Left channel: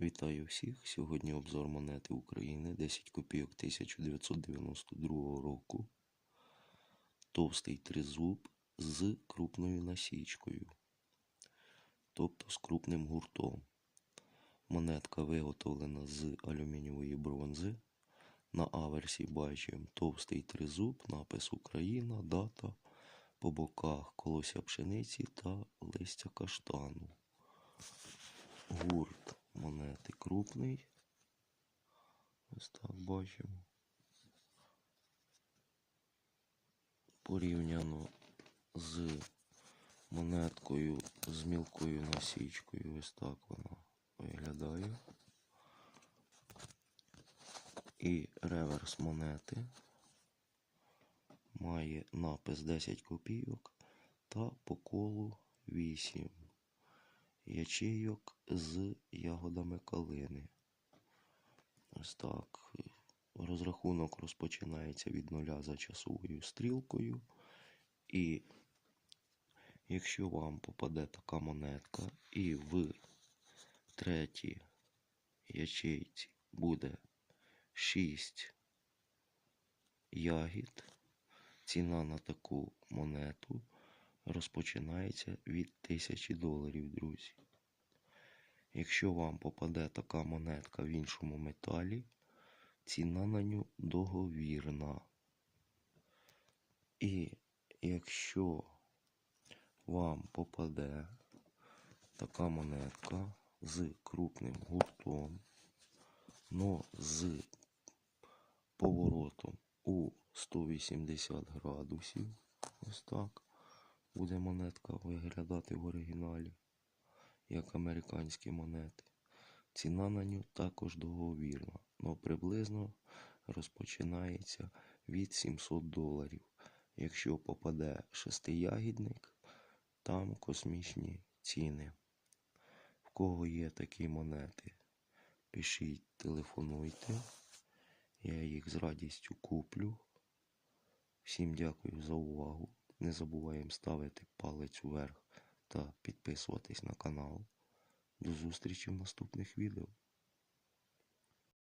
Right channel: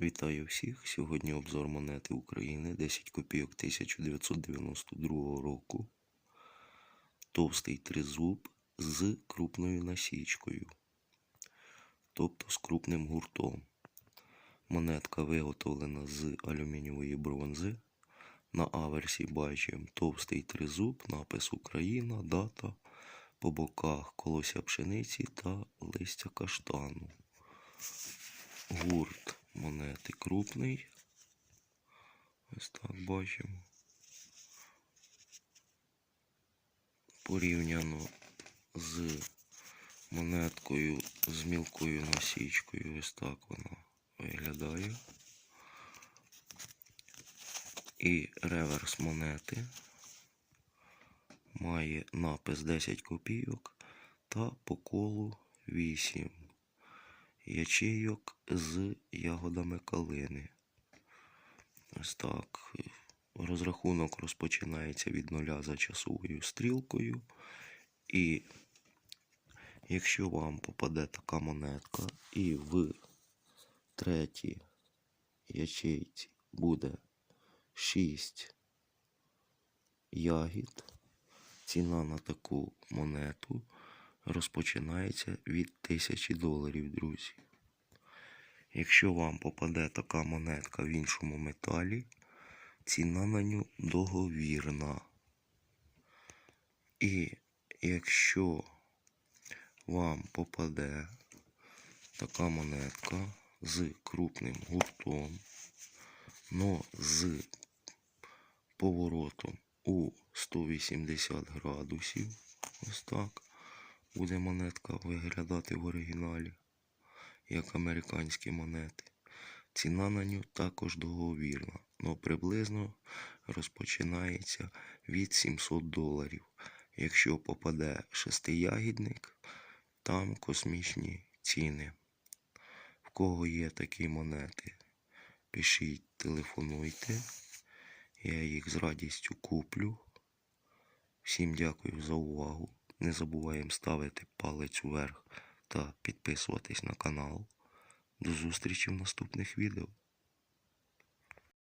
Вітаю всіх! Сьогодні обзор монети України 10 копійок 1992 року. Товстий тризуб з крупною насічкою, тобто з крупним гуртом. Монетка виготовлена з алюмінієвої бронзи. На аверсі бачимо товстий тризуб, напис Україна, дата, по боках колося пшениці та листя каштану. Гурт крупний. Ось так бачимо. Порівняно з монеткою з мілкою насічкою. Ось так вона виглядає. І реверс монети має напис 10 копійок та по колу 8 ячейок з ягодами калини. Ось так. Розрахунок розпочинається від нуля за часовою стрілкою. І якщо вам попаде така монетка, і в третій ячейці буде 6 ягід, ціна на таку монету розпочинається від 1000 доларів, друзі. Якщо вам попаде така монетка в іншому металі, ціна на нього договірна. І якщо вам попаде така монетка з крупним гуртом, но з поворотом у 180 градусів, ось так, буде монетка виглядати в оригіналі, як американські монети. Ціна на нього також договірна, але приблизно розпочинається від 700 доларів. Якщо попаде шестиягідник, там космічні ціни. В кого є такі монети, пишіть, телефонуйте. Я їх з радістю куплю. Всім дякую за увагу. Не забуваємо ставити палець вверх та підписуватись на канал. До зустрічі в наступних відео.